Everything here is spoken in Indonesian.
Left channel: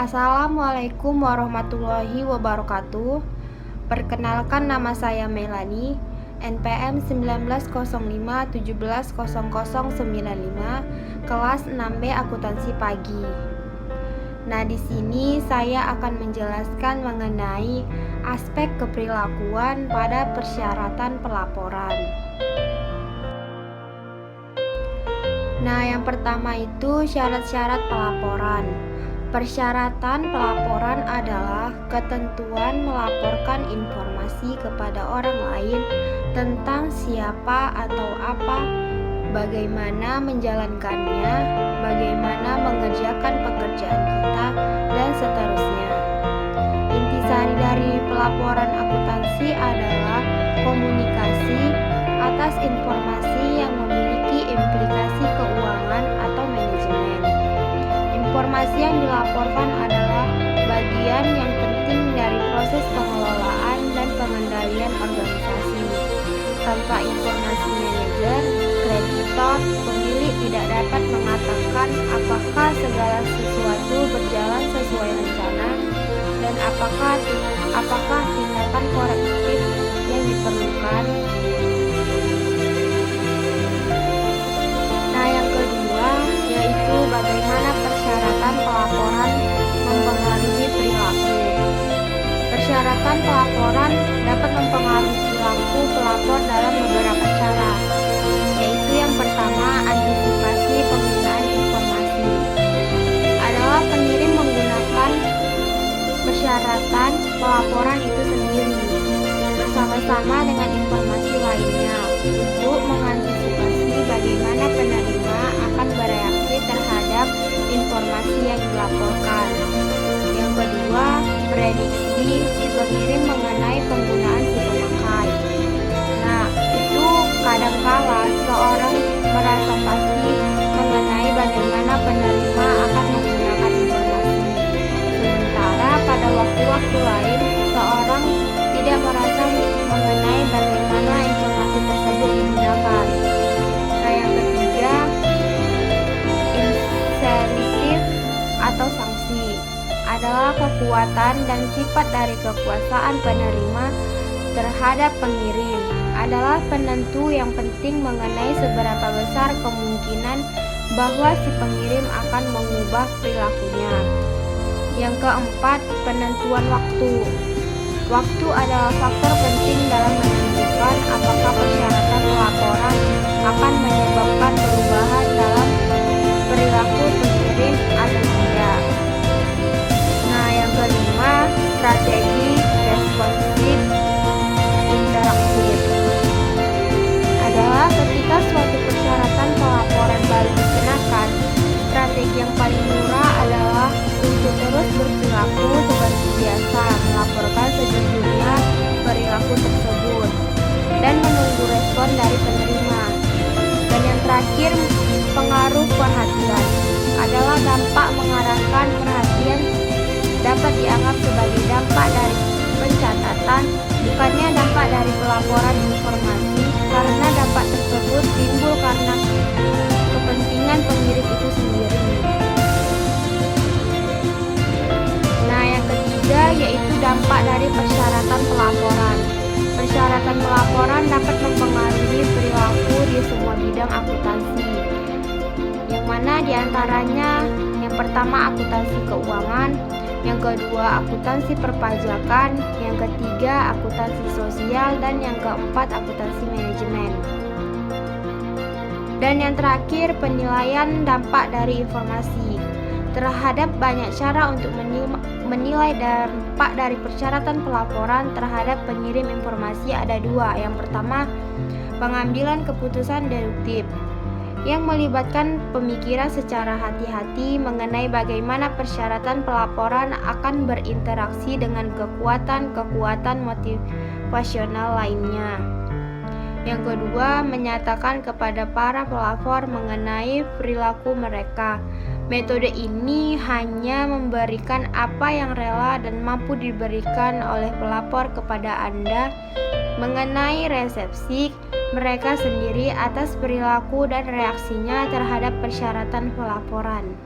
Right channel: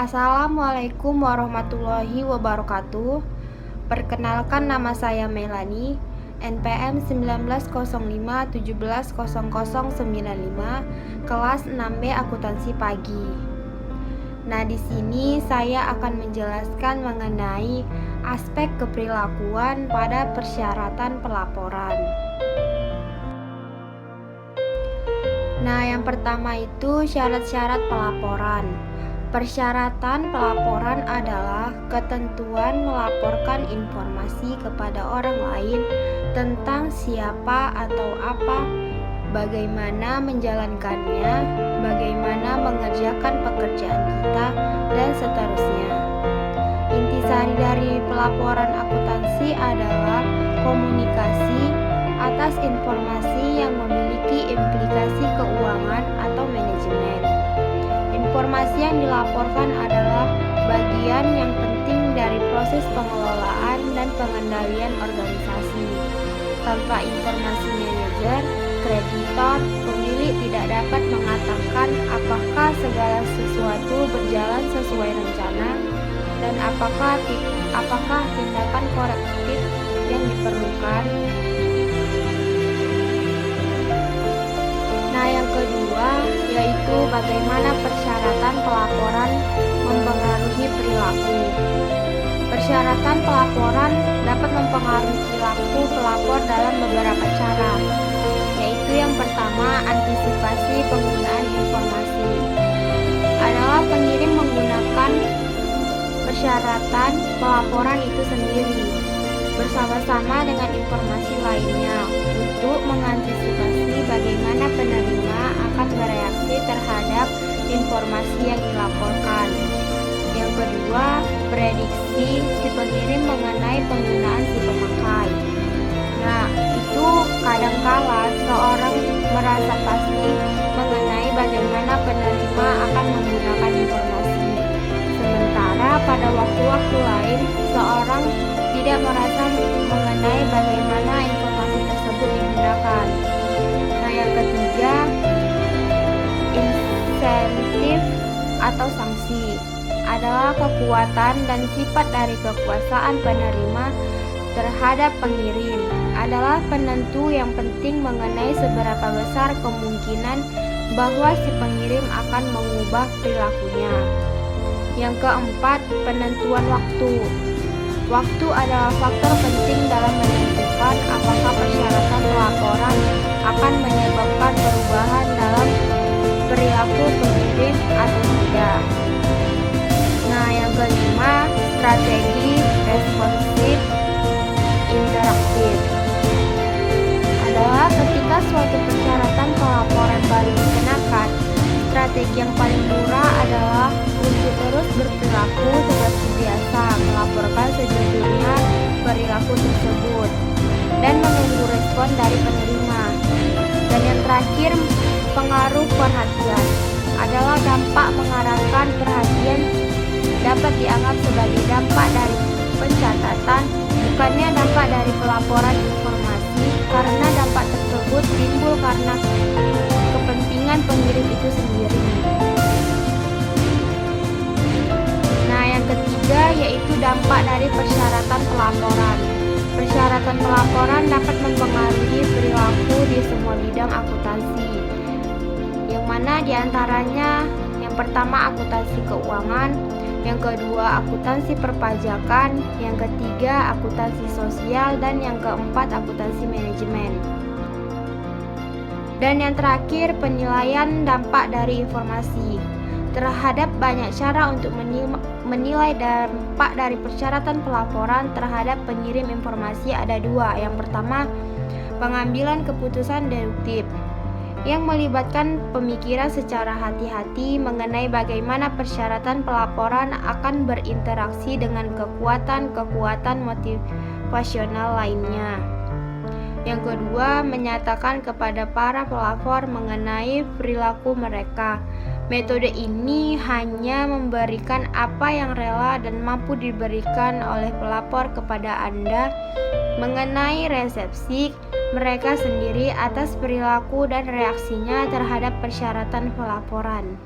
Assalamualaikum warahmatullahi wabarakatuh. Perkenalkan, nama saya Melani, NPM 190517000095, kelas 6B akuntansi pagi. Nah, di sini saya akan menjelaskan mengenai aspek keperilakuan pada persyaratan pelaporan. Nah, yang pertama itu syarat-syarat pelaporan. Persyaratan pelaporan adalah ketentuan melaporkan informasi kepada orang lain tentang siapa atau apa, bagaimana menjalankannya, bagaimana mengerjakan pekerjaan kita, dan seterusnya. Intisari dari pelaporan akuntansi adalah komunikasi atas informasi yang memiliki implikasi keuangan atau manajemen. Informasi yang dilaporkan adalah bagian yang penting dari proses pengelolaan dan pengendalian organisasi. Tanpa informasi manajer, kreditor, pemilik tidak dapat mengatakan apakah segala sesuatu berjalan sesuai rencana dan apakah tindakan korektif yang diperlukan. Nah, yang kedua yaitu bagaimana persyaratan pelaporan mempengaruhi perilaku. Persyaratan pelaporan dapat mempengaruhi perilaku pelapor dalam beberapa cara, yaitu yang pertama, antisipasi penggunaan informasi. Adalah pengirim menggunakan persyaratan pelaporan itu sendiri bersama-sama dengan informasi lainnya untuk mengantisipasi bagaimana penerima akan bereaksi terhadap informasi yang dilaporkan. Yang kedua, prediksi si pengirim mengenai penggunaan si pemakai. Nah, itu kadangkala seorang merasa pasti mengenai bagaimana penerima akan menggunakan informasi. Sementara pada waktu-waktu lain, seorang tidak merasa mengenai bagaimana informasi tersebut digunakan. Nah, yang ketiga, insentif atau sanksi adalah kekuatan dan sifat dari kekuasaan penerima terhadap pengirim, adalah penentu yang penting mengenai seberapa besar kemungkinan bahwa si pengirim akan mengubah perilakunya. Yang keempat, penentuan waktu. Waktu adalah faktor penting dalam menentukan apakah persyaratan pelaporan akan menyebabkan perubahan dalam perilaku pengirim atau tidak. Nah, yang kelima, strategi responsif interaktif adalah ketika suatu persyaratan pelaporan baru dikenakan, strategi yang paling murah adalah untuk terus berperilaku seperti biasa, melaporkan sejujurnya perilaku tersebut, dan menunggu respon dari penerima. Dan yang terakhir, pengaruh perhatian adalah dampak mengarahkan perhatian dapat dianggap sebagai dampak dari pencatatan, bukannya dampak dari pelaporan informasi, karena dampak tersebut timbul karena kepentingan pengirim itu sendiri. Nah, yang ketiga yaitu dampak dari persyaratan pelaporan. Persyaratan pelaporan dapat mempengaruhi perilaku di semua bidang akuntansi, yang mana diantaranya yang pertama akuntansi keuangan, yang kedua akuntansi perpajakan, yang ketiga akuntansi sosial, dan yang keempat akuntansi manajemen. Dan yang terakhir, penilaian dampak dari informasi. Terhadap banyak cara untuk menilai dampak dari persyaratan pelaporan terhadap pengirim informasi ada dua. Yang pertama, pengambilan keputusan deduktif, yang melibatkan pemikiran secara hati-hati mengenai bagaimana persyaratan pelaporan akan berinteraksi dengan kekuatan-kekuatan motivasional lainnya. Yang kedua, menyatakan kepada para pelapor mengenai perilaku mereka. Metode ini hanya memberikan apa yang rela dan mampu diberikan oleh pelapor kepada Anda mengenai resepsi mereka sendiri atas perilaku dan reaksinya terhadap persyaratan pelaporan.